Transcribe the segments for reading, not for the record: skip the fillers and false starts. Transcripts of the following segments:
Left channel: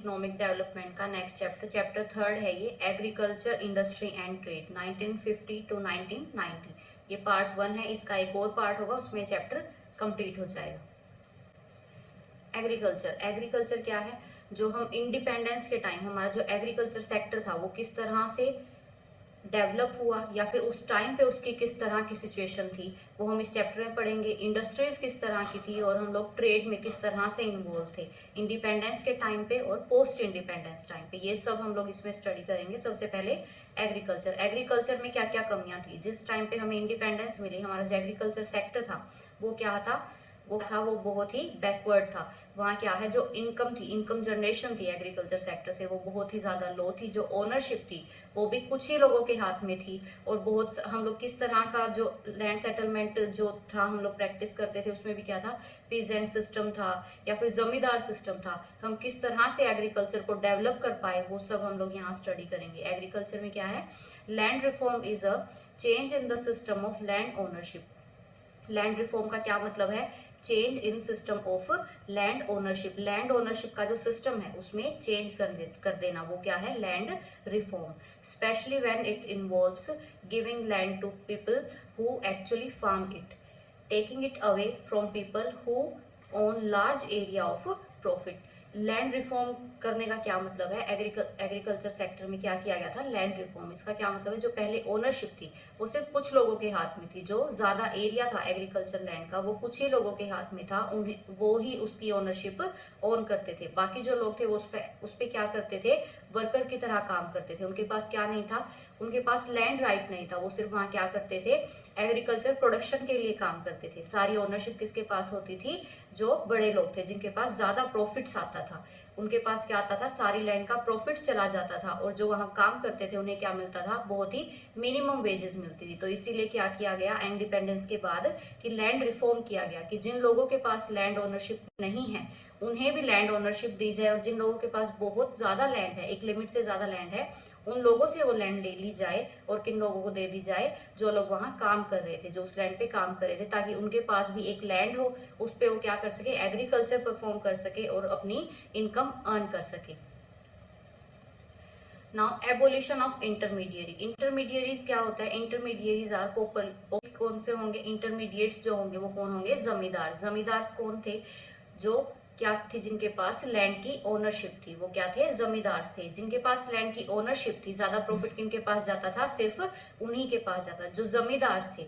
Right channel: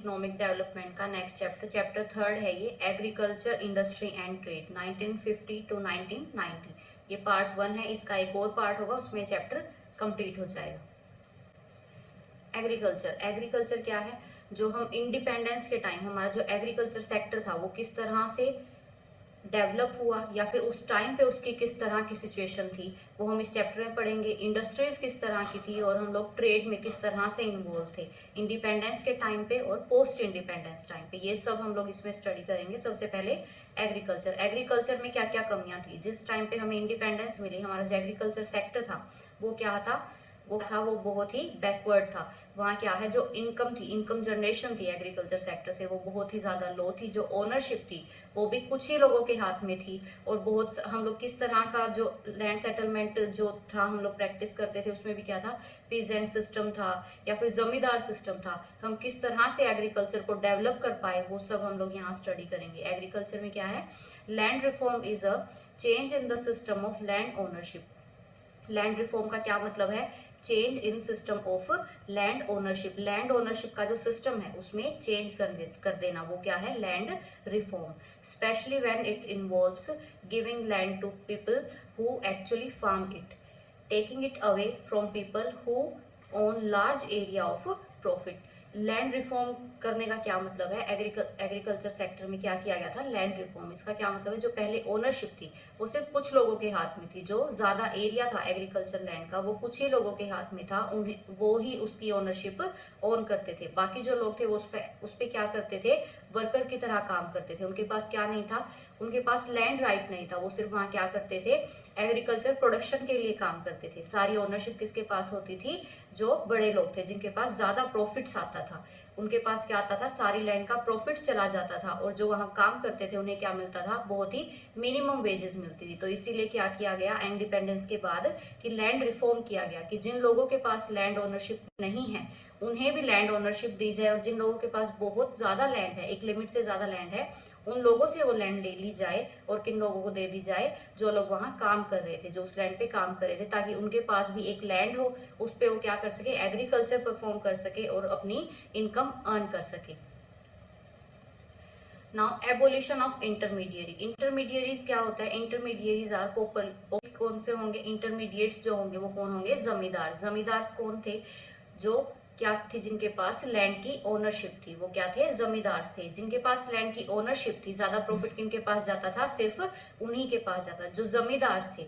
Economic development का next chapter, chapter 3 है ये, agriculture industry and trade 1950 to 1990। ये पार्ट 1 है, इसका एक और पार्ट होगा, उसमें चैप्टर कंप्लीट हो जाएगा। एग्रीकल्चर, एग्रीकल्चर क्या है, जो हम इंडिपेंडेंस के टाइम हमारा जो एग्रीकल्चर सेक्टर था वो किस तरह से डेवलप हुआ या फिर उस टाइम पे उसकी किस तरह की सिचुएशन थी, वो हम इस चैप्टर में पढ़ेंगे। इंडस्ट्रीज किस तरह की थी और हम लोग ट्रेड में किस तरह से इन्वॉल्व थे इंडिपेंडेंस के टाइम पे और पोस्ट इंडिपेंडेंस टाइम पे, ये सब हम लोग इसमें स्टडी करेंगे। सबसे पहले एग्रीकल्चर, एग्रीकल्चर में क्या क्या कमियां थी, जिस टाइम पे हमें इंडिपेंडेंस मिली हमारा जो एग्रीकल्चर सेक्टर था वो क्या था, वो बहुत ही बैकवर्ड था। वहाँ क्या है, जो इनकम थी, इनकम जनरेशन थी एग्रीकल्चर सेक्टर से, वो बहुत ही ज़्यादा लो थी। जो ओनरशिप थी वो भी कुछ ही लोगों के हाथ में थी। और बहुत हम लोग किस तरह का जो लैंड सेटलमेंट जो था हम लोग प्रैक्टिस करते थे, उसमें भी क्या था, पीजेंट सिस्टम था या फिर जमींदार सिस्टम था। हम किस तरह से एग्रीकल्चर को डेवलप कर पाए वो सब हम लोग यहाँ स्टडी करेंगे। एग्रीकल्चर में क्या है, land reform is a change in the system of land ownership. Land reform का क्या मतलब है, change in system of land ownership. Land ownership का जो सिस्टम है उसमें चेंज कर देना, वो क्या है, land reform. Specially when it involves giving land to people who actually farm it, taking it away from people who own large area of profit. Land reform करने का क्या मतलब है, एग्रीकल्चर सेक्टर में क्या किया गया था, लैंड रिफॉर्म। इसका क्या मतलब है, जो पहले ओनरशिप थी वो सिर्फ कुछ लोगों के हाथ में थी, जो ज्यादा एरिया था एग्रीकल्चर लैंड का वो कुछ ही लोगों के हाथ में था, उन्हें वो ही उसकी ओनरशिप ओन करते थे। बाकी जो लोग थे उस पे क्या करते थे, वर्कर की तरह काम करते थे। उनके पास क्या नहीं था, उनके पास लैंड राइट नहीं था, वो सिर्फ वहाँ क्या करते थे, एग्रीकल्चर प्रोडक्शन के लिए काम करते थे। सारी ओनरशिप किसके पास होती थी, जो बड़े लोग थे जिनके पास ज्यादा प्रॉफिट्स आता था, उनके पास क्या आता था, सारी लैंड का प्रॉफिट चला जाता था। और जो वहां काम करते थे उन्हें क्या मिलता था, बहुत ही मिनिमम वेजेस मिलती थी। तो इसीलिए क्या किया गया इंडिपेंडेंस के बाद कि लैंड रिफॉर्म किया गया कि जिन लोगों के पास लैंड ओनरशिप नहीं है उन्हें भी लैंड ओनरशिप दी जाए, और जिन लोगों के पास बहुत ज्यादा लैंड है, एक लिमिट से ज्यादा लैंड है, उन लोगों से वो लैंड ले ली जाए। और किन लोगों को दे दी जाए, जो लोग वहां काम कर रहे थे, जो उस लैंड पे काम कर रहे थे, ताकि उनके पास भी एक लैंड हो, उस पे वो क्या कर सके, एग्रीकल्चर परफॉर्म कर सके और अपनी इनकम अर्न कर सके। Now abolition of intermediary. Intermediaries क्या होता है, इंटरमीडिएरीज है तो कौन से होंगे, इंटरमीडिएट्स जो होंगे वो कौन होंगे, जमींदार। जमींदार कौन थे, जो क्या थे, जिनके पास लैंड की ओनरशिप थी, वो क्या थे, जमींदार थे। जिनके पास लैंड की ओनरशिप थी, ज्यादा प्रॉफिट किनके पास जाता था, सिर्फ उन्हीं के पास जाता, जो जमींदार थे।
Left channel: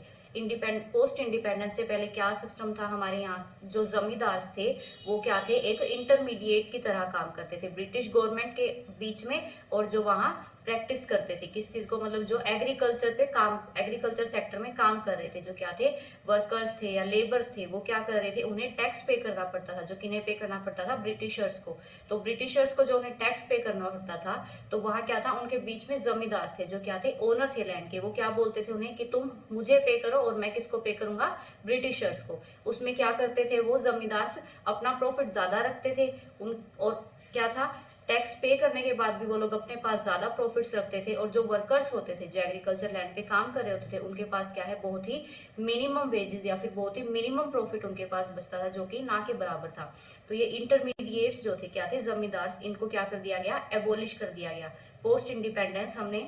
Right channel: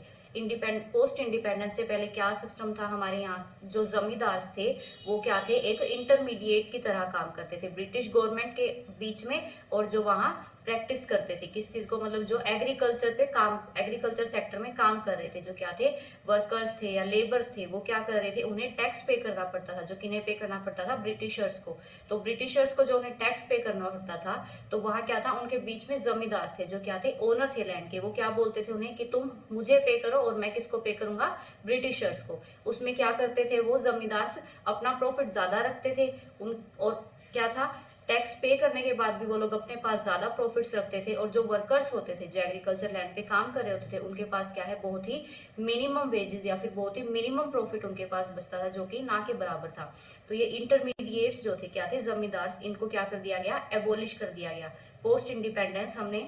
पोस्ट इंडिपेंडेंस से पहले क्या सिस्टम था हमारे यहाँ, जो जमींदार थे वो क्या थे, एक इंटरमीडिएट की तरह काम करते थे ब्रिटिश गवर्नमेंट के बीच में, और जो वहाँ प्रैक्टिस करते थे किस चीज को, मतलब जो एग्रीकल्चर पे काम, एग्रीकल्चर सेक्टर में काम कर रहे थे, जो क्या थे, वर्कर्स थे या लेबर्स थे, वो क्या कर रहे थे, उन्हें टैक्स पे करना पड़ता था। जो किन्हें पे करना पड़ता था, ब्रिटिशर्स को। तो ब्रिटिशर्स को जो उन्हें टैक्स पे करना पड़ता था, तो वहां क्या था, उनके बीच में जमींदार थे, जो क्या थे, ओनर थे लैंड के। वो क्या बोलते थे उन्हें कि तुम मुझे पे करो, और मैं किसको पे करूंगा, ब्रिटिशर्स को। उसमें क्या करते थे वो जमींदार, अपना प्रॉफिट ज्यादा रखते थे उन, और क्या था, टैक्स पे करने के बाद भी वो लोग अपने पास ज्यादा प्रॉफिट्स रखते थे। और जो वर्कर्स होते थे, जो एग्रीकल्चर लैंड पे काम कर रहे होते थे, उनके पास क्या है, बहुत ही मिनिमम वेजेस या फिर बहुत ही मिनिमम प्रॉफिट उनके पास बचता था, जो कि ना के बराबर था। तो ये इंटरमीडिएट्स जो थे क्या थे, जमींदार, इनको क्या कर दिया गया, एबोलिश कर दिया गया। पोस्ट इंडिपेंडेंस हमने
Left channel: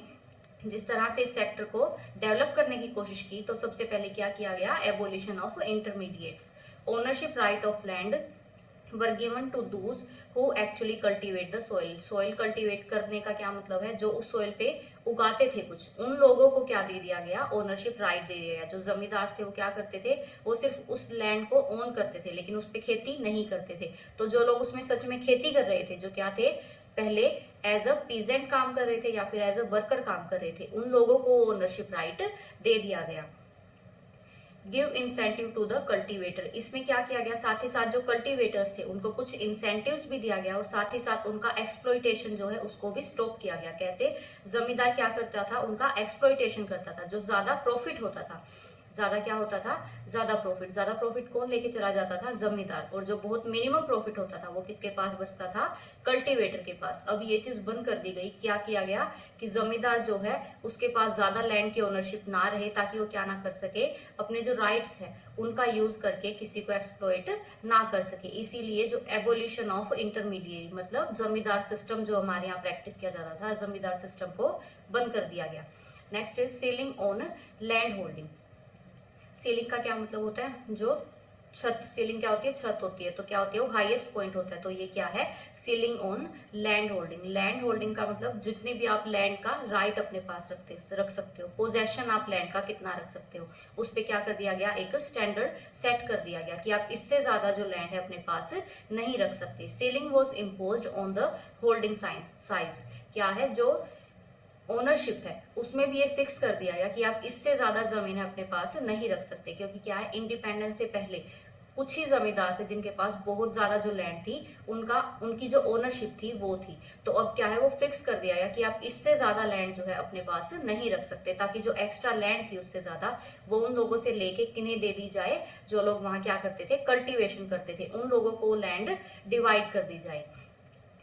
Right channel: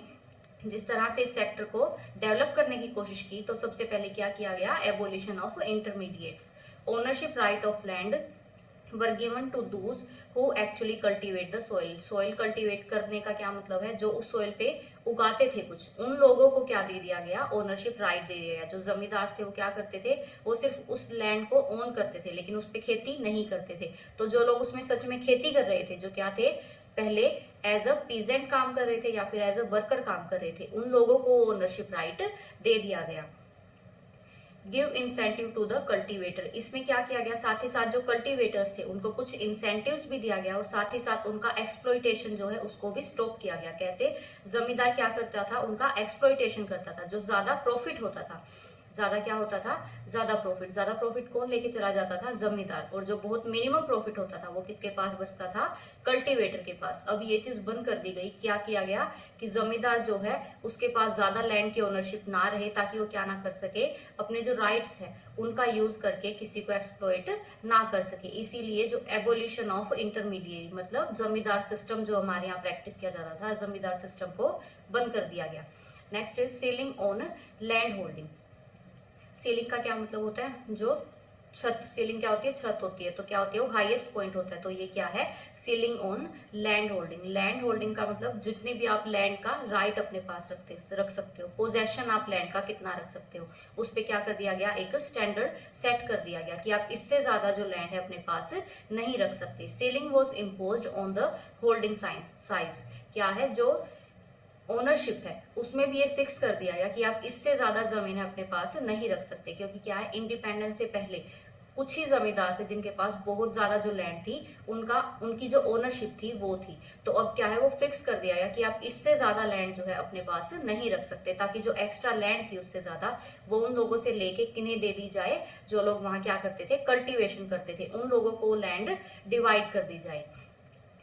जिस तरह से इस सेक्टर को डेवलप करने की कोशिश की, तो सबसे पहले क्या किया गया, abolition of intermediates. Ownership right of land were given to those who actually cultivate the soil. soil cultivate करने का क्या मतलब है, जो उस soil पे उगाते थे कुछ, उन लोगों को क्या दे दिया गया, ओनरशिप राइट दे दिया गया। जो जमींदार थे वो क्या करते थे, वो सिर्फ उस लैंड को ओन करते थे, लेकिन उस पे खेती नहीं करते थे। तो जो लोग उसमें सच में खेती कर रहे थे, जो क्या थे, पहले एज अ पीजेंट काम कर रहे थे या फिर एज अ वर्कर काम कर रहे थे, उन लोगों को ओनरशिप राइट दे दिया गया। Give incentive to the cultivator. इसमें क्या किया गया, साथ ही साथ जो कल्टीवेटर्स थे उनको कुछ इंसेंटिव्स भी दिया गया, और साथ ही साथ उनका एक्सप्लॉइटेशन जो है उसको भी स्टॉप किया गया। कैसे, जमींदार क्या करता था, उनका एक्सप्लॉइटेशन करता था, जो ज्यादा प्रॉफिट होता था, ज्यादा क्या होता था, ज्यादा प्रॉफिट कौन लेके चला जाता था, जमींदार। और जो बहुत मिनिमम प्रॉफिट होता था वो किसके पास बचता था, कल्टीवेटर के पास। अब ये चीज बंद कर दी गई, क्या किया गया कि जमींदार जो है उसके पास ज्यादा लैंड की ओनरशिप ना रहे, ताकि वो क्या ना कर सके, अपने जो राइट्स है उनका यूज करके किसी को एक्सप्लॉइट ना कर सके। इसीलिए जो एबोलिशन ऑफ इंटरमीडिएट, मतलब जमींदार सिस्टम जो हमारे यहाँ प्रैक्टिस किया जाता था, जमींदार सिस्टम को बंद कर दिया गया। Next is ceiling on land holding. Ceiling का क्या मतलब होता है, जो छत, सीलिंग क्या होती है, छत होती है, तो क्या होती है वो हाईएस्ट पॉइंट होता है, तो ये क्या है, ceiling on land holding. Land holding का मतलब जितने भी आप लैंड का राइट अपने पास रख सकते हो, पोजेशन आप लैंड का कितना रख सकते हो, उस पे क्या कर दिया गया, एक स्टैंडर्ड सेट कर दिया गया कि आप इससे ज्यादा जो लैंड है अपने पास नहीं रख सकते। Ceiling was imposed on the holding size, क्या है जो ओनरशिप है उसमें भी ये फिक्स कर दिया गया कि आप इससे ज्यादा जमीन है अपने पास नहीं रख सकते, क्योंकि क्या है, इंडिपेंडेंस से पहले कुछ ही जमींदार थे जिनके पास बहुत ज्यादा जो लैंड थी उनकी जो ओनरशिप थी वो थी। तो अब क्या है, वो फिक्स कर दिया गया कि आप इससे ज्यादा लैंड जो है अपने पास नहीं रख सकते, ताकि जो एक्स्ट्रा लैंड थी उससे ज्यादा वो उन लोगों से लेके किन्हें दे दी जाए, जो लोग वहां क्या करते थे, कल्टीवेशन करते थे, उन लोगों को लैंड डिवाइड कर दी जाए।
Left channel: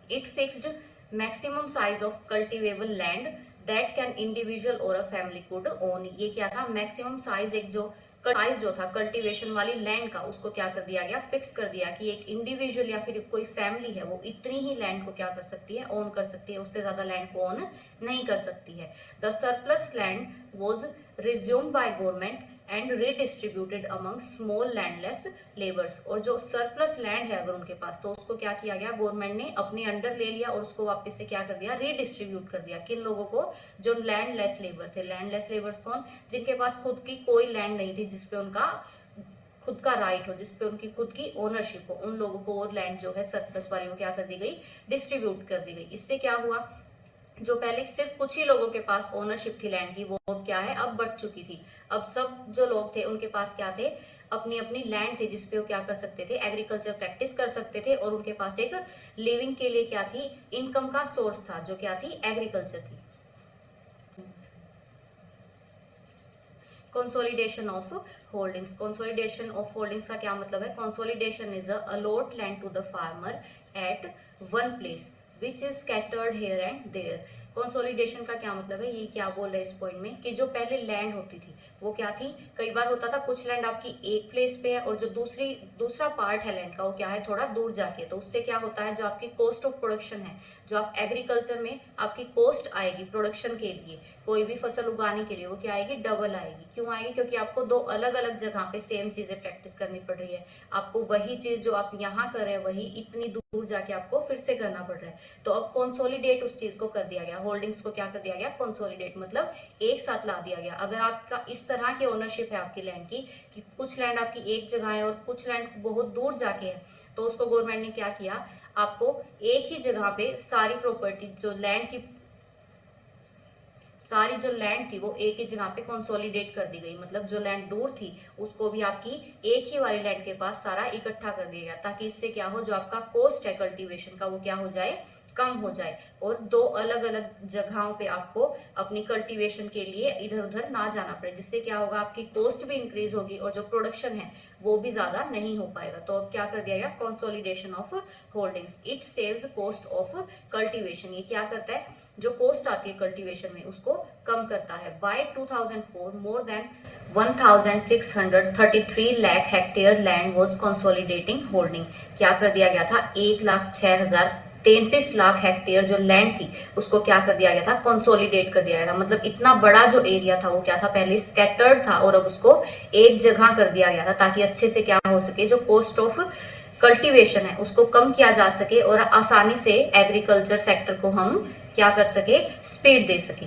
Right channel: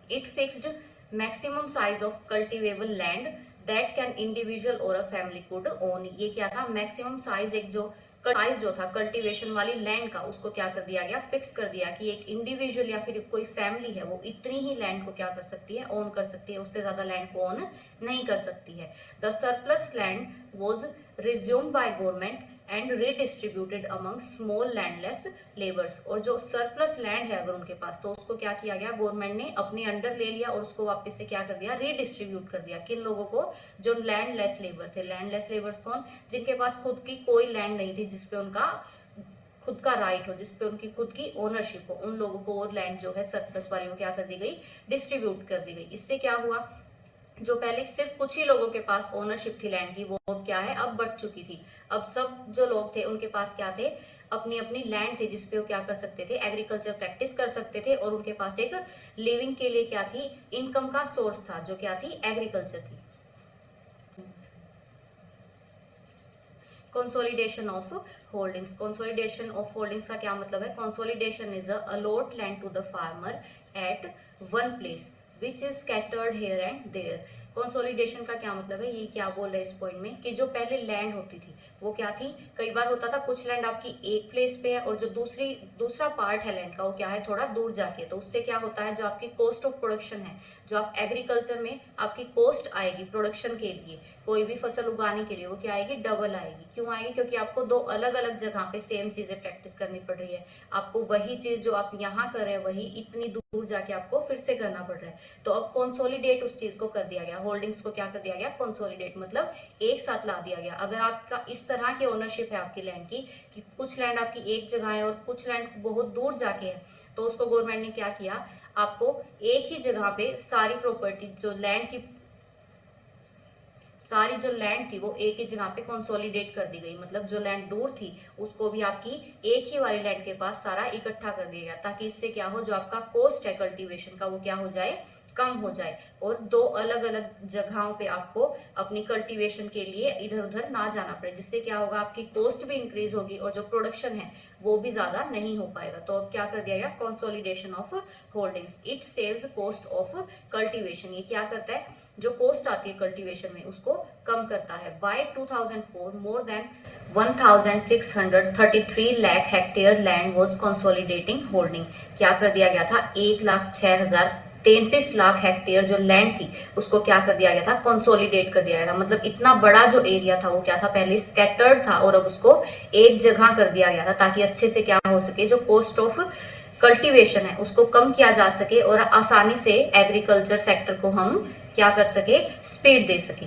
It fixed maximum size of cultivable land that can individual और अ फैमिली कुड ओन। ये क्या था, मैक्सिमम साइज, एक जो साइज जो था कल्टीवेशन वाली लैंड का, उसको क्या कर दिया गया, फिक्स कर दिया कि एक इंडिविजुअल या फिर कोई फैमिली है वो इतनी ही लैंड को क्या कर सकती है, ओन कर सकती है, उससे ज्यादा लैंड को ओन नहीं कर सकती है। The surplus land was resumed by government and redistributed among small landless labours. और जो सरप्लस लैंड है अगर उनके पास, तो उसको क्या किया गया, गवर्नमेंट ने अपने अंडर ले लिया और उसको वापस से क्या कर दिया, रीडिस्ट्रीब्यूट कर दिया। किन लोगों को, जो लैंडलेस लेबर्स थे। लैंडलेस लेबर्स कौन, जिनके पास खुद की कोई लैंड नहीं थी, जिसपे उनका खुद का राइट हो, जिसपे उनकी खुद की ओनरशिप हो, उन लोगों को वो लैंड जो है सरप्लस वाली वो क्या कर दी गई, डिस्ट्रीब्यूट कर दी गई। इससे क्या हुआ, जो पहले सिर्फ कुछ ही लोगों के पास ओनरशिप थी लैंड की, वो क्या है, अब बढ़ चुकी थी। अब सब जो लोग थे उनके पास क्या थे, अपनी अपनी लैंड थी, जिसपे वो क्या कर सकते थे, एग्रीकल्चर प्रैक्टिस कर सकते थे, और उनके पास एक लिविंग के लिए क्या थी, इनकम का सोर्स था, जो क्या थी, एग्रीकल्चर थी। Consolidation of holdings. Consolidation of holdings का क्या मतलब है, consolidation is a allot land to the farmer at one place which is scattered here and there. Consolidation का क्या मतलब है, ये क्या बोल रहे हैं इस पॉइंट में, कि जो पहले लैंड होती थी वो क्या थी, कई बार होता था कुछ लैंड आपकी एक प्लेस पे है और जो दूसरा पार्ट है लैंड का वो क्या है, थोड़ा दूर जाके, तो उससे क्या होता है, जो आपकी कॉस्ट ऑफ प्रोडक्शन है, जो आप एग्रीकल्चर में आपकी कॉस्ट आएगी प्रोडक्शन के लिए, कोई भी फसल उगाने के लिए, वो क्या आएगी, डबल आएगी। क्यों आएगी, क्योंकि आपको दो अलग अलग जगह पे सेम चीजें प्रैक्टिस करनी पड़ रही है, आपको वही चीज जो आप यहाँ कर रहे हैं वही इतनी दूर जाके आपको फिर से करना पड़ रहा है। तो अब कंसोलिडेट उस चीज को कर दिया गया, होल्डिंग्स को क्या कर दिया गया, कंसोलिडेट, मतलब एक साथ ला दिया गया। अगर आपका इस तरह की ओनरशिप है आपकी लैंड की, कि कुछ लैंड आपकी एक जगह है और कुछ लैंड बहुत दूर जाके है, तो उसको गवर्नमेंट ने क्या किया, आपको एक ही जगह पे सारी प्रॉपर्टी, जो लैंड की सारी जो लैंड थी वो एक ही जगह पे कंसोलिडेट कर दी गई। मतलब जो लैंड दूर थी उसको भी आपकी एक ही वाली लैंड के पास सारा इकट्ठा कर दिया गया, ताकि इससे क्या हो, जो आपका कॉस्ट है कल्टीवेशन का वो क्या हो जाए, कम हो जाए, और दो अलग अलग जगहों पे आपको अपनी कल्टीवेशन के लिए इधर उधर ना जाना पड़े, जिससे क्या होगा, आपकी कॉस्ट भी इंक्रीज होगी और जो प्रोडक्शन है वो भी ज्यादा नहीं हो पाएगा। तो अब क्या कर दिया गया, consolidation of holdings. It saves cost of cultivation. ये क्या करता है, जो कॉस्ट आती है कल्टीवेशन में उसको कम करता है। By 2004 more than 1633 lakh hectare land was consolidating holding. क्या कर दिया गया था, 1,06,033 लाख हेक्टेयर जो लैंड थी उसको क्या कर दिया गया था, कंसोलिडेट कर दिया गया था। मतलब इतना बड़ा जो एरिया था वो क्या था, पहले स्कैटर्ड था और अब उसको एक जगह कर दिया गया था, ताकि अच्छे से क्या हो सके, जो कॉस्ट ऑफ कल्टीवेशन है उसको कम किया जा सके और आसानी से एग्रीकल्चर सेक्टर को हम क्या कर सके, स्पीड दे सके।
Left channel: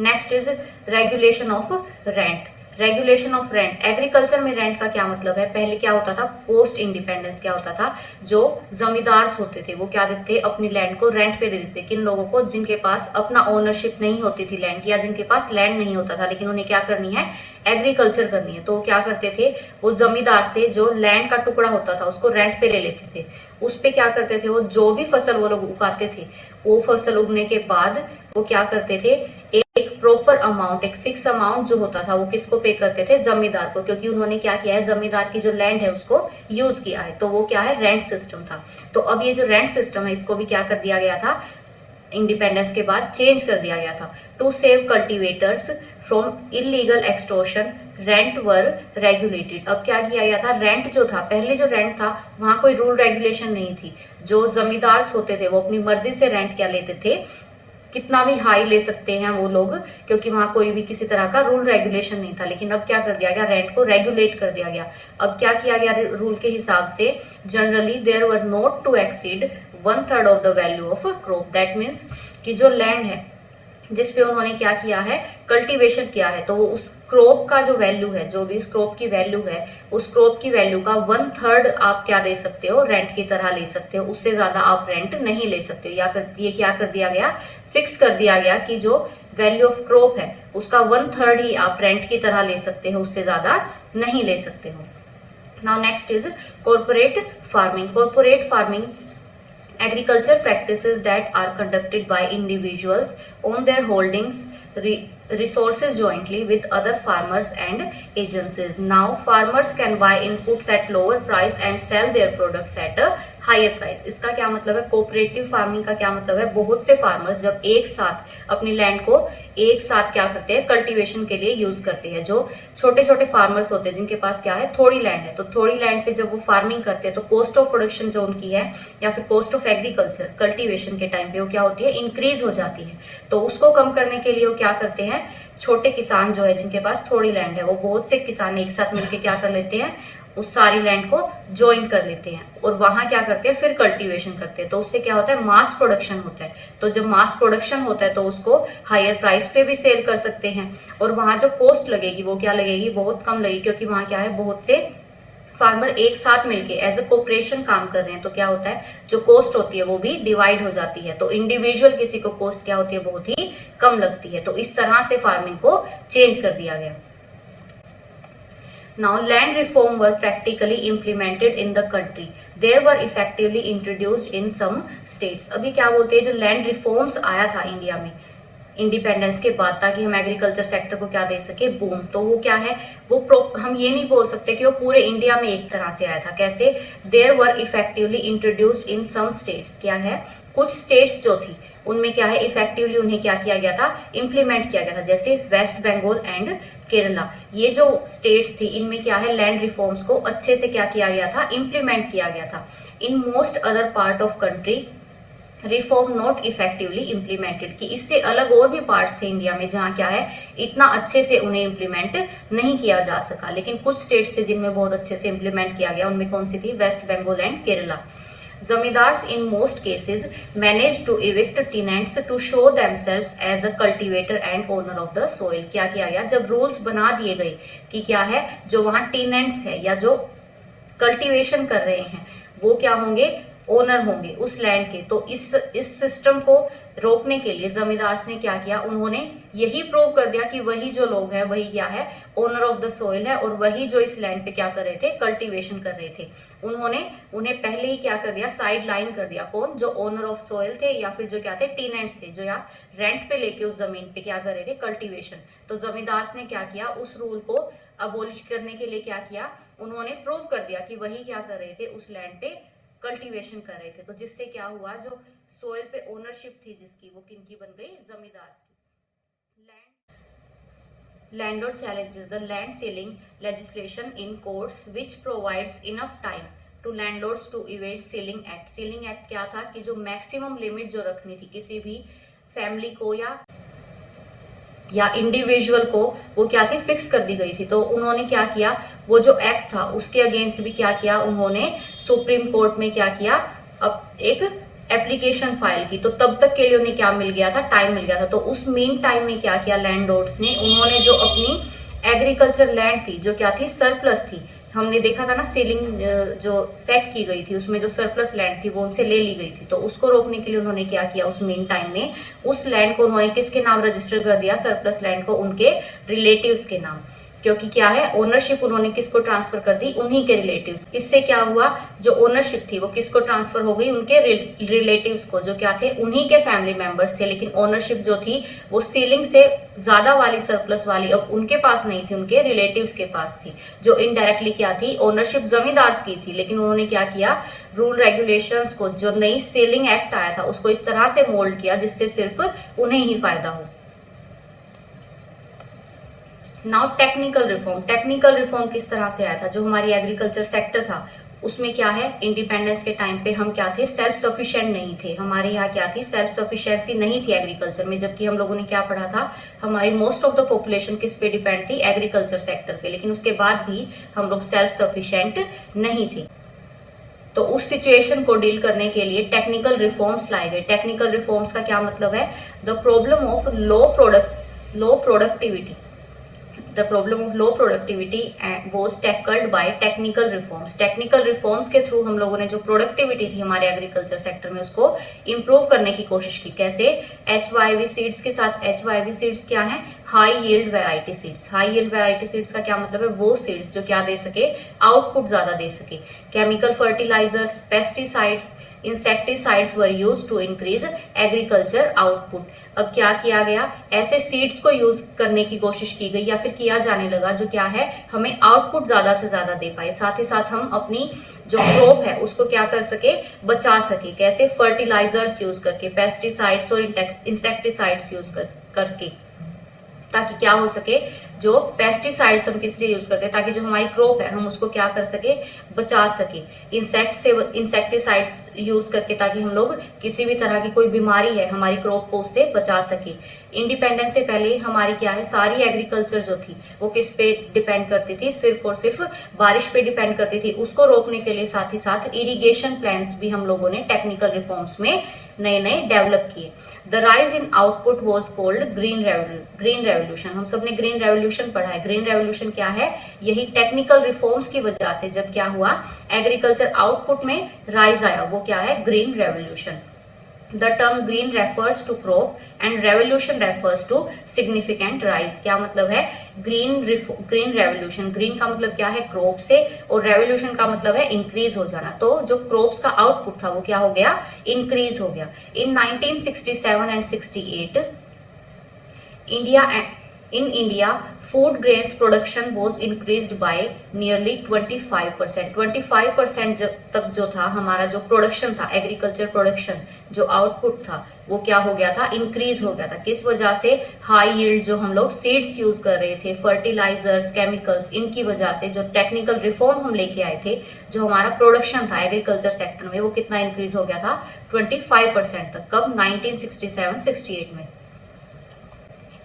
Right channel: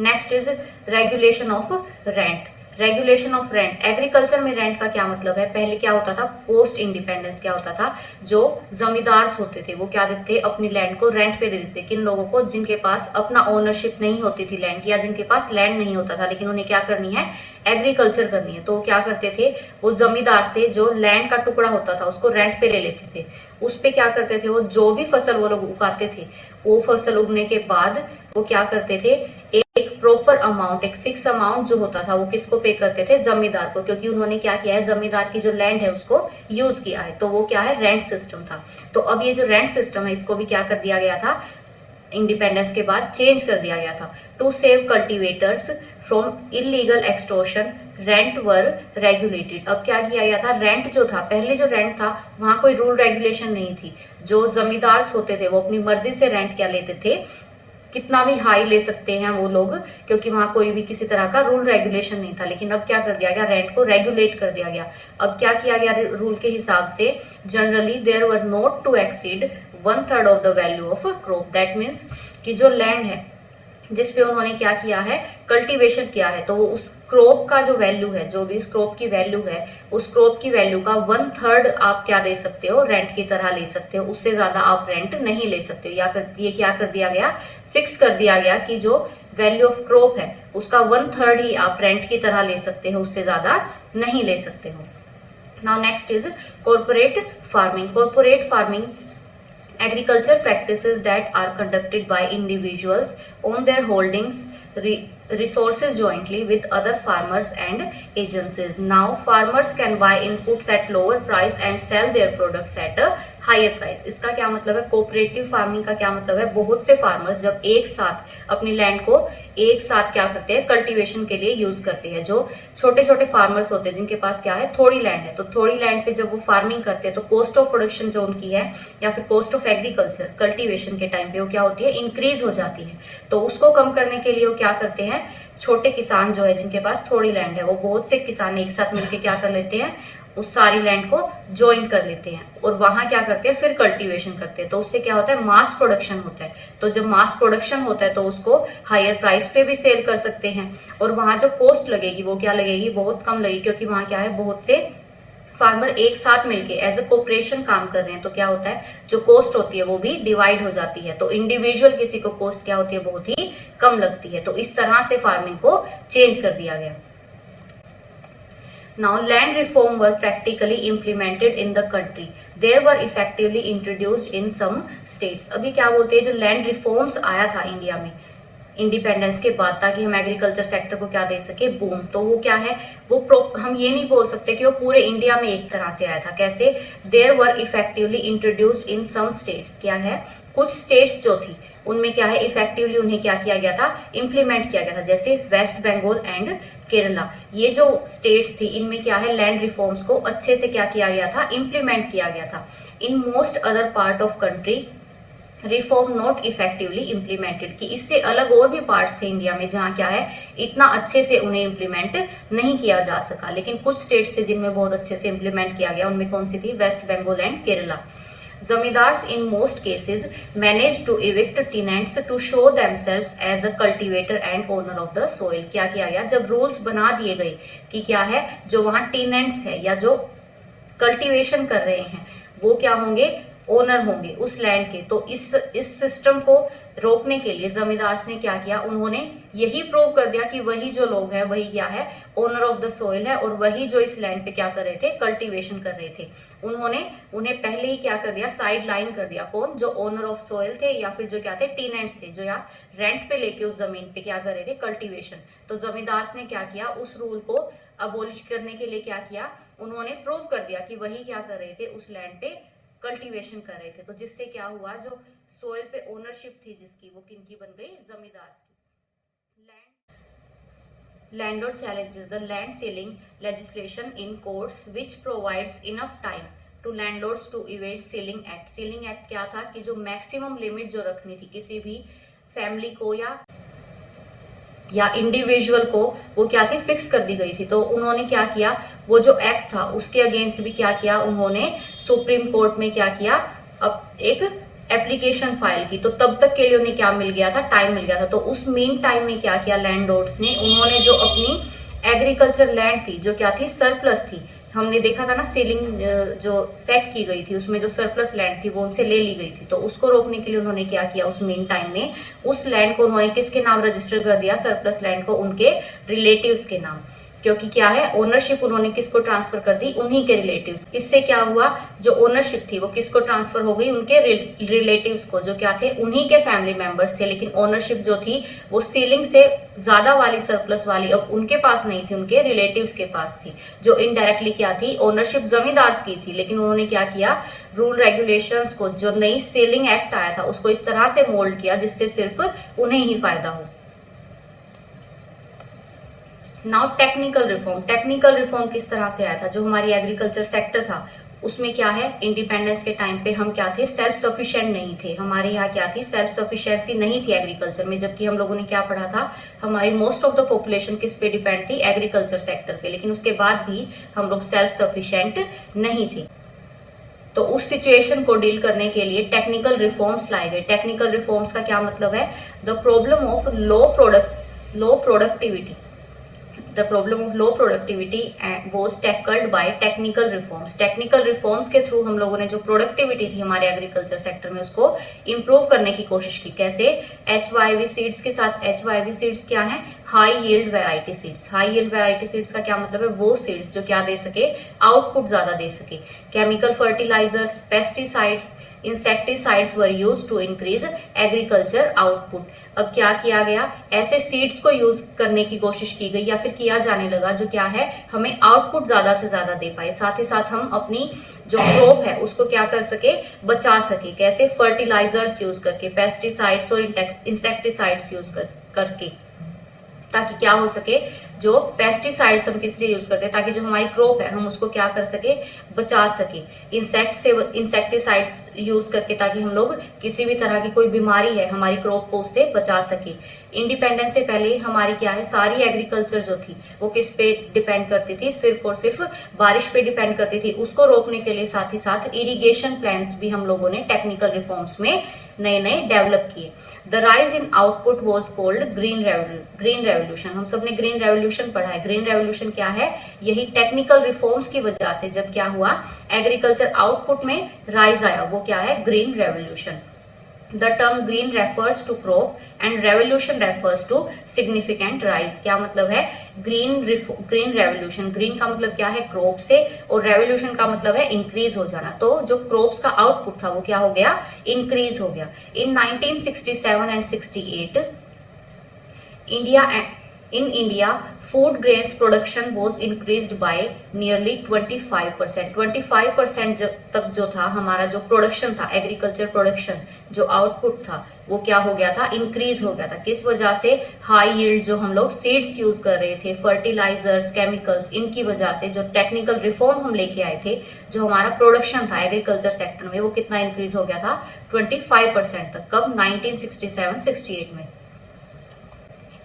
Next is regulation of rent. Regulation of rent, agriculture में रेंट का क्या मतलब है, पहले क्या होता था, पोस्ट इंडिपेंडेंस क्या होता था, जो जमींदार होते थे वो क्या देते थे, अपनी लैंड को रेंट पे दे देते। किन लोगों को, जिनके पास अपना ओनरशिप नहीं होती थी लैंड की, या जिनके पास लैंड नहीं होता था लेकिन उन्हें क्या करनी है, एग्रीकल्चर करनी है, तो क्या करते थे, वो जमींदार से जो लैंड का टुकड़ा होता था उसको रेंट पे ले लेते थे। उस पे क्या करते थे, वो जो भी फसल वो लोग उगाते थे, वो फसल उगने के बाद वो क्या करते थे, एक प्रॉपर अमाउंट, एक फिक्स अमाउंट जो होता था वो किसको पे करते थे, जमींदार को, क्योंकि उन्होंने क्या किया है, जमींदार की जो लैंड है उसको यूज किया है। तो वो क्या है, रेंट सिस्टम था। तो अब ये जो रेंट सिस्टम है इसको भी क्या कर दिया गया था, इंडिपेंडेंस के बाद चेंज कर दिया गया था। To save cultivators from illegal extortion rent were regulated. अब क्या किया गया था, रेंट जो था, पहले जो रेंट था वहां कोई रूल रेगुलेशन नहीं थी। जो जमींदार होते थे वो अपनी मर्जी से रेंट क्या लेते थे, कितना भी हाई ले सकते हैं वो लोग, क्योंकि वहाँ कोई भी किसी तरह का रूल रेगुलेशन नहीं था। लेकिन अब क्या कर दिया गया, रेंट को रेगुलेट कर दिया गया। अब क्या किया गया, रूल के हिसाब से generally there were not to exceed 1/3 of the value of a crop. That means कि जो लैंड है जिस पे उन्होंने क्या किया है, कल्टीवेशन किया है, तो उस क्रॉप का जो वैल्यू है, जो भी उस क्रॉप की वैल्यू है, उस क्रॉप की वैल्यू का 1/3 आप क्या दे सकते हो, रेंट की तरह ले सकते हो। उससे ज्यादा आप रेंट नहीं ले सकते हो। ये क्या कर दिया गया, फिक्स कर दिया गया कि जो वैल्यू ऑफ क्रॉप है उसका 1/3 ही आप रेंट की तरह ले सकते हो, उससे ज्यादा नहीं ले सकते हो। Now next is corporate farming. Corporate farming agriculture practices that are conducted by individuals on their holdings resources jointly with other farmers and agencies. Now farmers can buy inputs at lower price and sell their products at a higher price. इसका क्या मतलब है, cooperative farming का क्या मतलब है, बहुत से फार्मर्स जब एक साथ अपनी लैंड को एक साथ क्या करते हैं, कल्टीवेशन के लिए यूज करते हैं। जो छोटे छोटे फार्मर्स होते हैं जिनके पास क्या है, थोड़ी लैंड है, तो थोड़ी लैंड पे जब वो फार्मिंग करते हैं तो कॉस्ट ऑफ प्रोडक्शन जो उनकी है या फिर कॉस्ट ऑफ एग्रीकल्चर कल्टीवेशन के टाइम पे वो क्या होती है, इंक्रीज हो जाती है। तो उसको कम करने के लिए वो क्या करते हैं, छोटे किसान जो है जिनके पास थोड़ी लैंड है, वो बहुत से किसान एक साथ मिलकर क्या कर लेते हैं, उस सारी लैंड को ज्वाइन कर लेते हैं और वहां क्या करते हैं, फिर कल्टीवेशन करते हैं। तो उससे क्या होता है, मास प्रोडक्शन होता है। तो जब मास प्रोडक्शन होता है तो उसको हायर प्राइस पे भी सेल कर सकते हैं और वहां जो कॉस्ट लगेगी वो क्या लगेगी, बहुत कम लगेगी, क्योंकि वहां क्या है, बहुत से फार्मर एक साथ मिलके एज ए कोऑपरेशन काम कर रहे हैं। तो क्या होता है, जो कॉस्ट होती है वो भी डिवाइड हो जाती है। तो इंडिविजुअल किसी को कॉस्ट क्या होती है, बहुत ही कम लगती है। तो इस तरह से फार्मिंग को चेंज कर दिया गया। Now land reform were practically implemented in the country. They were effectively introduced in some states. अभी क्या बोलते हैं, जो लैंड रिफॉर्म्स आया था इंडिया में इंडिपेंडेंस के बाद, ताकि हम एग्रीकल्चर सेक्टर को क्या दे सके, बूम। तो वो क्या है, वो हम ये नहीं बोल सकते कि वो पूरे इंडिया में एक तरह से आया था। कैसे, there were effectively introduced in some states. क्या है, कुछ स्टेट्स जो थी उनमें क्या है, इफेक्टिवली उन्हें क्या किया गया था, इम्प्लीमेंट किया गया था। जैसे वेस्ट बंगाल एंड केरला, ये जो स्टेट्स थी इनमें क्या है, लैंड रिफॉर्म्स को अच्छे से क्या किया गया था, इम्प्लीमेंट किया गया था। In most other part of country reform not effectively implemented, कि इससे अलग और भी पार्ट्स थे इंडिया में जहाँ क्या है, इतना अच्छे से उन्हें इम्प्लीमेंट नहीं किया जा सका। लेकिन कुछ स्टेट्स थे जिनमें बहुत अच्छे से इम्प्लीमेंट किया गया। उनमें कौन सी थी, West Bengal and Kerala. Zamindars in most cases managed to evict tenants to show themselves as a cultivator and owner of the soil। क्या किया गया, जब रूल्स बना दिए गए कि क्या है, जो वहां टेनेंट्स है या जो कल्टीवेशन कर रहे हैं वो क्या होंगे, ओनर होंगे उस लैंड के। तो इस सिस्टम को रोकने के लिए जमींदार्स ने क्या किया, उन्होंने यही प्रूव कर दिया कि वही जो लोग हैं वही क्या है, ओनर ऑफ द सोइल है, और वही जो इस लैंड पे क्या कर रहे थे, कल्टीवेशन कर रहे थे। उन्होंने उन्हें पहले ही क्या कर दिया, साइड लाइन कर दिया। कौन, जो ओनर ऑफ सोइल थे या फिर जो क्या थे, टीनेंट्स थे, जो यहाँ रेंट पे लेके उस जमीन पे क्या कर रहे थे, कल्टीवेशन। तो जमींदार्स ने क्या किया, उस रूल को अबोलिश करने के लिए क्या किया, उन्होंने प्रूव कर दिया कि वही क्या कर रहे थे, उस लैंड पे कल्टीवेशन कर रहे थे। तो जिससे क्या हुआ, जो सोइल पे ओनरशिप थी जिसकी, वो किनकी बन गई, जमींदार की। Landlord challenges the land ceiling legislation in courts which provides enough time to landlords to evade ceiling act। ceiling act क्या था कि जो मैक्सिमम लिमिट जो रखनी थी किसी भी फैमिली को या इंडिविजुअल को, वो क्या थी, फिक्स कर दी गई थी। तो उन्होंने क्या किया, वो जो एक्ट था उसके अगेंस्ट भी क्या किया, उन्होंने सुप्रीम कोर्ट में क्या किया, अब एक एप्लीकेशन फाइल की। तो तब तक के लिए उन्हें क्या मिल गया था, टाइम मिल गया था। तो उस मीन टाइम में क्या किया लैंडलॉर्ड्स ने, उन्होंने जो अपनी एग्रीकल्चर लैंड थी जो क्या थी, सरप्लस थी, हमने देखा था ना सीलिंग जो सेट की गई थी उसमें जो सरप्लस लैंड थी वो उनसे ले ली गई थी। तो उसको रोकने के लिए उन्होंने क्या किया, उस मीन टाइम में उस लैंड को उन्होंने किसके नाम रजिस्टर कर दिया, सरप्लस लैंड को उनके रिलेटिव्स के नाम। क्योंकि क्या है, ओनरशिप उन्होंने किसको ट्रांसफर कर दी, उन्हीं के रिलेटिव्स। इससे क्या हुआ, जो ओनरशिप थी वो किसको ट्रांसफर हो गई, उनके रिलेटिव्स को, जो क्या थे, उन्हीं के फैमिली मेंबर्स थे। लेकिन ओनरशिप जो थी वो सीलिंग से ज्यादा वाली, सरप्लस वाली, अब उनके पास नहीं थी, उनके रिलेटिव्स के पास थी, जो इनडायरेक्टली क्या थी, ओनरशिप जमींदार की थी। लेकिन उन्होंने क्या किया, रूल रेगुलेशंस को, जो नई सीलिंग एक्ट आया था उसको इस तरह से मोल्ड किया जिससे सिर्फ उन्हें ही फायदा हो। Now technical reform. Technical reform किस तरह से आया था, जो हमारी एग्रीकल्चर सेक्टर था उसमें क्या है, इंडिपेंडेंस के टाइम पे हम क्या थे, सेल्फ सफिशिएंट नहीं थे। हमारे यहाँ क्या थी, सेल्फ सफिशिएंसी नहीं थी एग्रीकल्चर में। जबकि हम लोगों ने क्या पढ़ा था, हमारी मोस्ट ऑफ द पॉपुलेशन किस पे डिपेंड थी, एग्रीकल्चर सेक्टर पे। लेकिन उसके बाद भी हम लोग सेल्फ सफिशिएंट नहीं थे। तो उस सिचुएशन को डील करने के लिए टेक्निकल रिफॉर्म्स लाए गए। टेक्निकल रिफॉर्म्स का क्या मतलब है, the problem of low productivity, the problem of low productivity was tackled by technical reforms। Technical reforms के थ्रू हम लोगों ने जो प्रोडक्टिविटी थी हमारे एग्रीकल्चर सेक्टर में उसको इम्प्रूव करने की कोशिश की। कैसे, HYV सीड्स के साथ। HYV सीड्स क्या है, high yield variety seeds. High yield variety seeds का क्या मतलब है, वो सीड्स जो क्या दे सके, आउटपुट ज्यादा दे सके। Chemical fertilizers, pesticides, insecticides were use to increase agriculture output. अब क्या किया गया, ऐसे सीड्स को यूज करने की कोशिश की गई या फिर किया जाने लगा जो क्या है, हमें आउटपुट ज्यादा से ज्यादा दे पाए, साथ ही साथ हम अपनी जो क्रॉप है उसको क्या कर सके, बचा सके। कैसे, फर्टिलाइजर्स यूज करके, पेस्टिसाइड्स और इंसेक्टिसाइड्स यूज करके, ताकि क्या हो सके, जो पेस्टिसाइड्स हम किस लिए यूज करते हैं, ताकि जो हमारी क्रॉप है हम उसको क्या कर सके, बचा सके। इंसेक्टिसाइड्स यूज करके, ताकि हम लोग किसी भी तरह की कोई बीमारी है हमारी क्रॉप को उससे बचा सके। इंडिपेंडेंस से पहले हमारी क्या है, सारी एग्रीकल्चर जो थी वो किस पे डिपेंड करती थी, सिर्फ और सिर्फ बारिश पे डिपेंड करती थी। उसको रोकने के लिए साथ ही साथ इरिगेशन प्लान्स भी हम लोगों ने टेक्निकल रिफॉर्म्स में नए नए डेवलप किए। The rise in output was called green revolution. हम सबने ग्रीन रेवोल्यूशन पढ़ा है। ग्रीन रेवोल्यूशन क्या है, यही टेक्निकल रिफॉर्म्स की वजह से जब क्या हुआ, एग्रीकल्चर आउटपुट में राइज आया, वो क्या है, green revolution. The term green refers to crop and revolution refers to significant rise। क्या मतलब है, ग्रीन रेवोल्यूशन, ग्रीन का मतलब क्या है, क्रॉप से, और रेवोल्यूशन का मतलब है इंक्रीज हो जाना। तो जो क्रॉप्स का आउटपुट था वो क्या हो गया, इंक्रीज हो गया। इन 1967 and 68 in India, food grains production was increased by nearly 25%। 25% तक जो था हमारा जो प्रोडक्शन था, एग्रीकल्चर प्रोडक्शन, जो आउटपुट था वो क्या हो गया था, इंक्रीज हो गया था। किस वजह से, हाई यील्ड जो हम लोग सीड्स यूज कर रहे थे, फर्टिलाइजर्स, केमिकल्स, इनकी वजह से जो टेक्निकल रिफॉर्म हम लेके आए थे, जो हमारा प्रोडक्शन था एग्रीकल्चर सेक्टर में वो कितना इंक्रीज हो गया था, 25% तक। कब, 1967-68 में।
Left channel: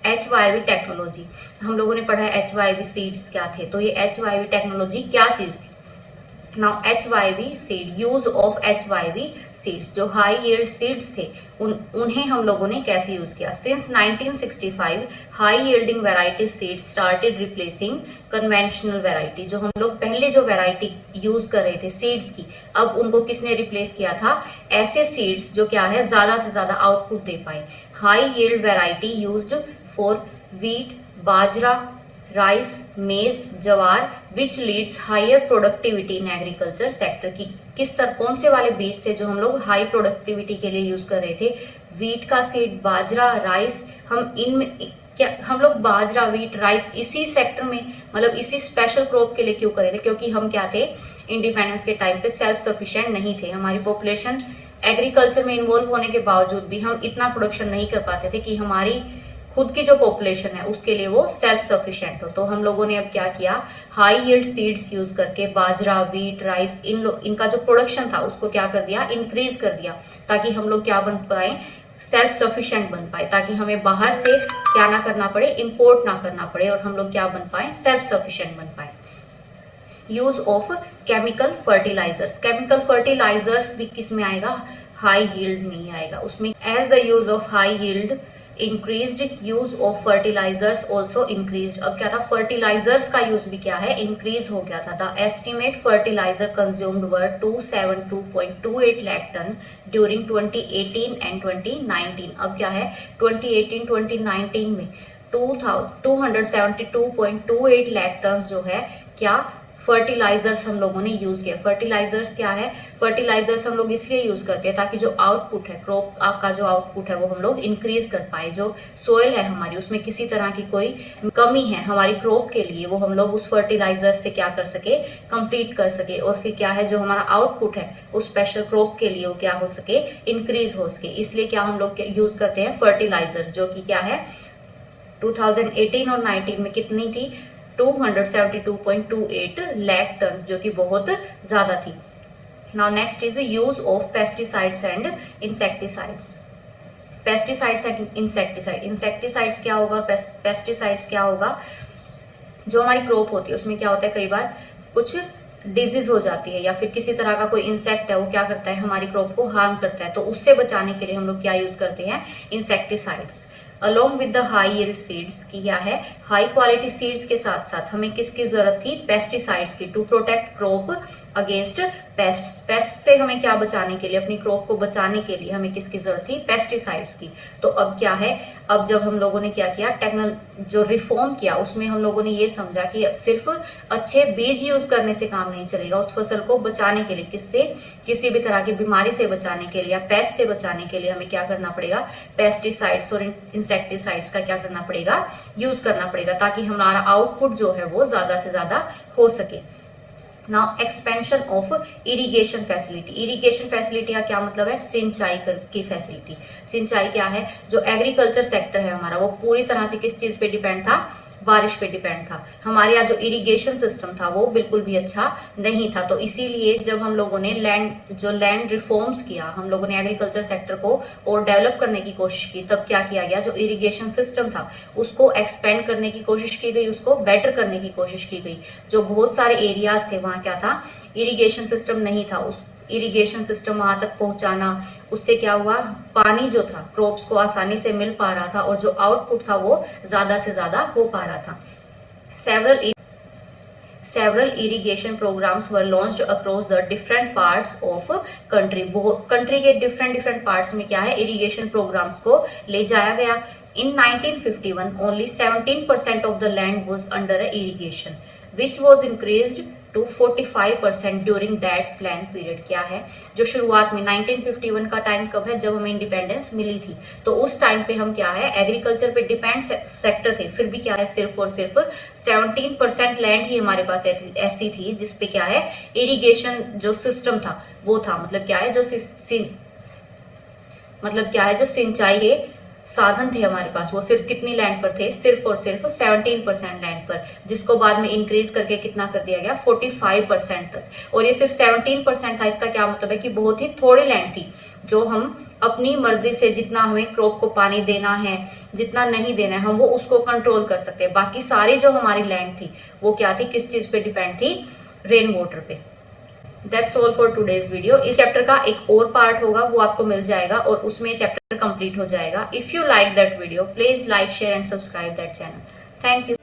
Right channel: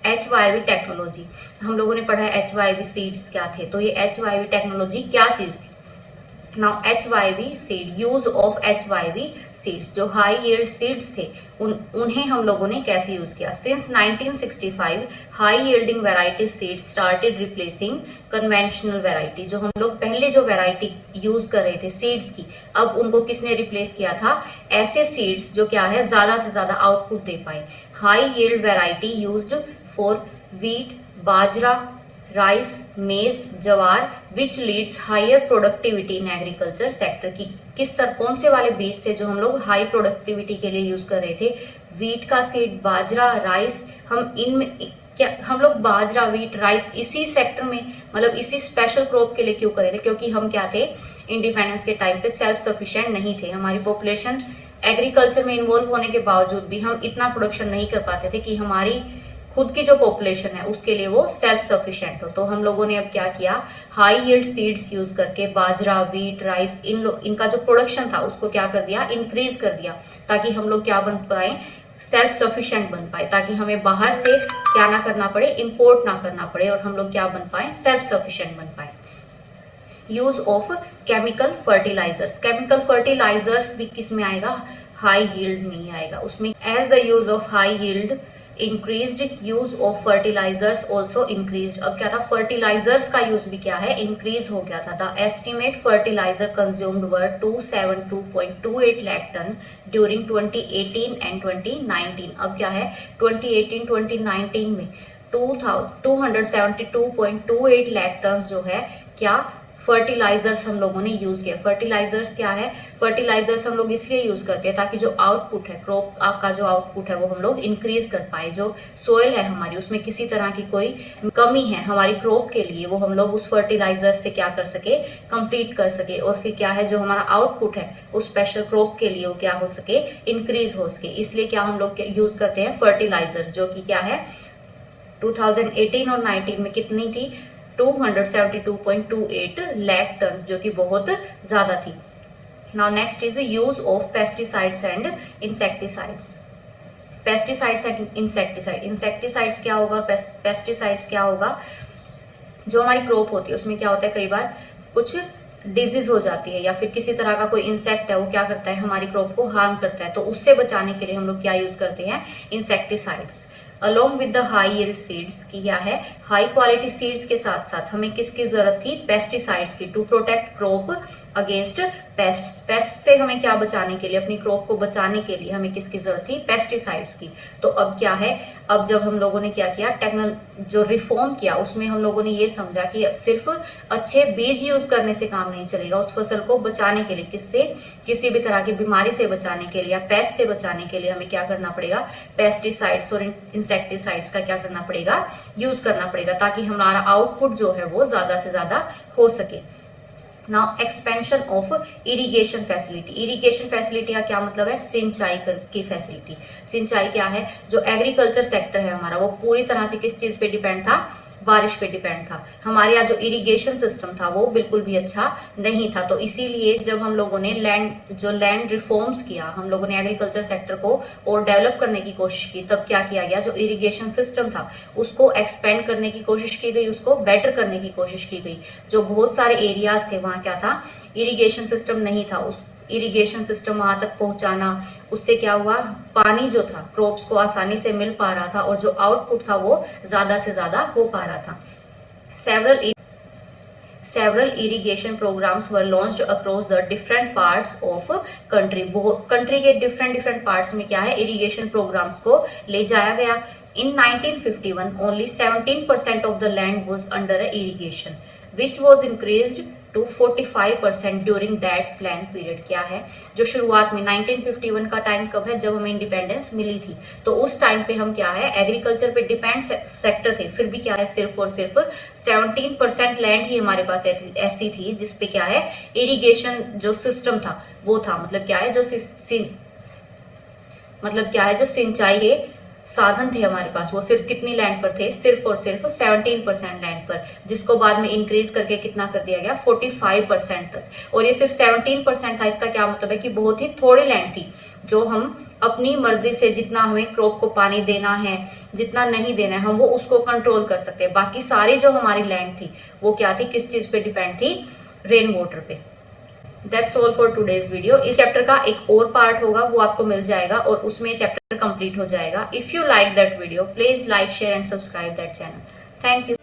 HYV टेक्नोलॉजी, हम लोगों ने पढ़ा है HYV सीड्स क्या थे। तो ये HYV टेक्नोलॉजी क्या चीज थी। Now HYV seed, use of HYV seeds, जो हाई यील्ड सीड्स थे उन्हें हम लोगों ने कैसे यूज किया। Since 1965 high yielding variety seeds started replacing conventional variety. जो हम लोग पहले जो वैरायटी यूज कर रहे थे सीड्स की, अब उनको किसने रिप्लेस किया था, ऐसे सीड्स जो क्या है, ज्यादा से ज्यादा आउटपुट दे पाए। High yield variety used for wheat, bajra, rice, maize, jowar, which leads higher productivity in agriculture sector. की किस तरह, कौन से वाले बीज थे जो हम लोग हाई प्रोडक्टिविटी के लिए यूज कर रहे थे, व्हीट का सीड, बाजरा, राइस। हम इनमें क्या, हम लोग बाजरा, व्हीट, राइस इसी सेक्टर में, मतलब इसी स्पेशल क्रॉप के लिए क्यों कर रहे थे, क्योंकि हम क्या थे, इंडिपेंडेंस के टाइम पे सेल्फ सफिशिएंट नहीं थे। हमारी पॉपुलेशन एग्रीकल्चर में इन्वॉल्व होने के बावजूद भी हम इतना प्रोडक्शन नहीं कर पाते थे कि हमारी खुद की जो पॉपुलेशन है उसके लिए वो सेल्फ सफिशिएंट हो। तो हम लोगों ने अब क्या किया, हाई यील्ड सीड्स यूज करके बाजरा, व्हीट, राइस, इनका जो प्रोडक्शन था उसको क्या कर दिया, इंक्रीज कर दिया, ताकि हम लोग क्या बन पाए, सेल्फ सफिशिएंट बन पाए, ताकि हमें बाहर से क्या ना करना पड़े, इंपोर्ट ना करना पड़े, और हम लोग क्या बन पाए, सेल्फ सफिशिएंट बन पाए। Use of chemical fertilizers, chemical fertilizers भी किस में आएगा, हाई यील्ड में ही आएगा। उसमें as the use of high yield increased, use of fertilizers also increased. अब क्या था, फर्टिलाइजर्स का यूज भी क्या है, इंक्रीज हो गया था। The estimate fertilizer consumed were 272.28 lakh ton during 2018 and 2019। अब क्या है, 2018-2019 में 272.28 लाख टन जो है क्या फर्टिलाइजर्स हम लोगों ने यूज किया। फर्टिलाइजर्स क्या है, फर्टिलाइजर्स हम लोग इसलिए यूज करते हैं ताकि जो आउटपुट है, क्रॉप का जो आउटपुट है वो हम लोग इंक्रीज कर पाए। जो सोयल है हमारी, उसमें किसी तरह की कोई कमी है हमारी क्रॉप के लिए, वो हम लोग उस फर्टिलाइजर से क्या कर सके, कंप्लीट कर सके। और फिर क्या है, जो हमारा आउटपुट है उस स्पेशल क्रॉप के लिए वो क्या हो सके, इंक्रीज हो सके। इसलिए क्या हम लोग यूज करते हैं फर्टिलाइजर, जो कि क्या है 2018 और 19 में कितनी थी, 272.28 लाख टन, जो कि बहुत ज्यादा थी। Now next is use of pesticides and insecticides. Pesticides and insecticide, insecticides क्या होगा और पेस्टिसाइड्स क्या होगा। जो हमारी क्रॉप होती है उसमें क्या होता है, कई बार कुछ डिजीज हो जाती है या फिर किसी तरह का कोई इंसेक्ट है वो क्या करता है, हमारी क्रॉप को हार्म करता है। तो उससे बचाने के लिए हम लोग क्या यूज करते हैं, insecticides. Along with the high yield seeds की क्या है, हाई क्वालिटी सीड्स के साथ साथ हमें किसकी जरूरत थी, पेस्टिसाइड्स की, to protect crop against pest. Pest से हमें क्या बचाने के लिए, अपनी क्रॉप को बचाने के लिए हमें किसकी जरूरत थी, पेस्टिसाइड्स की। तो अब क्या है, अब जब हम लोगों ने क्या किया, जो रिफॉर्म किया उसमें हम लोगों ने ये समझा कि सिर्फ अच्छे बीज यूज करने से काम नहीं चलेगा, उस फसल को बचाने के लिए, किससे, किसी भी तरह की बीमारी से बचाने के लिए या पेस्ट से बचाने के लिए हमें क्या करना पड़ेगा, पेस्टिसाइड्स और इंसेक्टिसाइड्स का क्या करना पड़ेगा, यूज करना पड़ेगा, ताकि हमारा आउटपुट जो है वो ज्यादा से ज्यादा हो सके। Now expansion of irrigation facility. Irrigation facility का क्या मतलब है, सिंचाई की फैसिलिटी। सिंचाई क्या है, जो एग्रीकल्चर सेक्टर है हमारा वो पूरी तरह से किस चीज पे डिपेंड था, बारिश पे डिपेंड था। हमारे यहाँ जो इरिगेशन सिस्टम था वो बिल्कुल भी अच्छा नहीं था। तो इसीलिए जब हम लोगों ने लैंड रिफॉर्म्स किया, हम लोगों ने एग्रीकल्चर सेक्टर को और डेवलप करने की कोशिश की, तब क्या किया गया, जो इरिगेशन सिस्टम था उसको एक्सपेंड करने की कोशिश की गई, उसको बेटर करने की कोशिश की गई। जो बहुत सारे एरियाज थे वहां क्या था, इरिगेशन सिस्टम नहीं था, उस इरिगेशन सिस्टम वहां तक पहुंचाना, उससे क्या हुआ, पानी जो था क्रॉप्स को आसानी से मिल पा रहा था और जो आउटपुट था वो ज्यादा से ज्यादा हो पा रहा था। Several irrigation programmes were launched across the different parts of country. Country के डिफरेंट पार्ट्स में क्या है, इरिगेशन प्रोग्राम्स को ले जाया गया। In 1951, only 17% of the land was under irrigation, which was increased to 45% during that plan period। क्या है, जो शुरुआत में 1951 का टाइम कब है, जब हमें इंडिपेंडेंस मिली थी, तो उस टाइम पे हम क्या है, एग्रीकल्चर पे डिपेंड सेक्टर थे, फिर भी क्या है, सिर्फ और सिर्फ 17% लैंड ही हमारे पास ऐसी थी जिसपे क्या है, इरिगेशन जो सिस्टम था वो था। मतलब क्या है, जो सिंचाई के साधन थे हमारे पास, वो सिर्फ कितनी लैंड पर थे, सिर्फ और सिर्फ 17% लैंड पर, जिसको बाद में इंक्रीज करके कितना कर दिया गया, 45% तक। और ये सिर्फ 17% था, इसका क्या मतलब है कि बहुत ही थोड़ी लैंड थी, जो हम अपनी मर्जी से जितना हमें क्रॉप को पानी देना है, जितना नहीं देना है, हम वो उसको कंट्रोल कर सकते हैं। बाकी सारी जो हमारी लैंड थी वो क्या थी, किस चीज पे डिपेंड थी, रेन वाटर पे। That's all for today's video. इस चैप्टर का एक और पार्ट होगा, वो आपको मिल जाएगा और उसमें चैप्टर कंप्लीट हो जाएगा। If you like that video, please like, share and subscribe that channel. Thank you.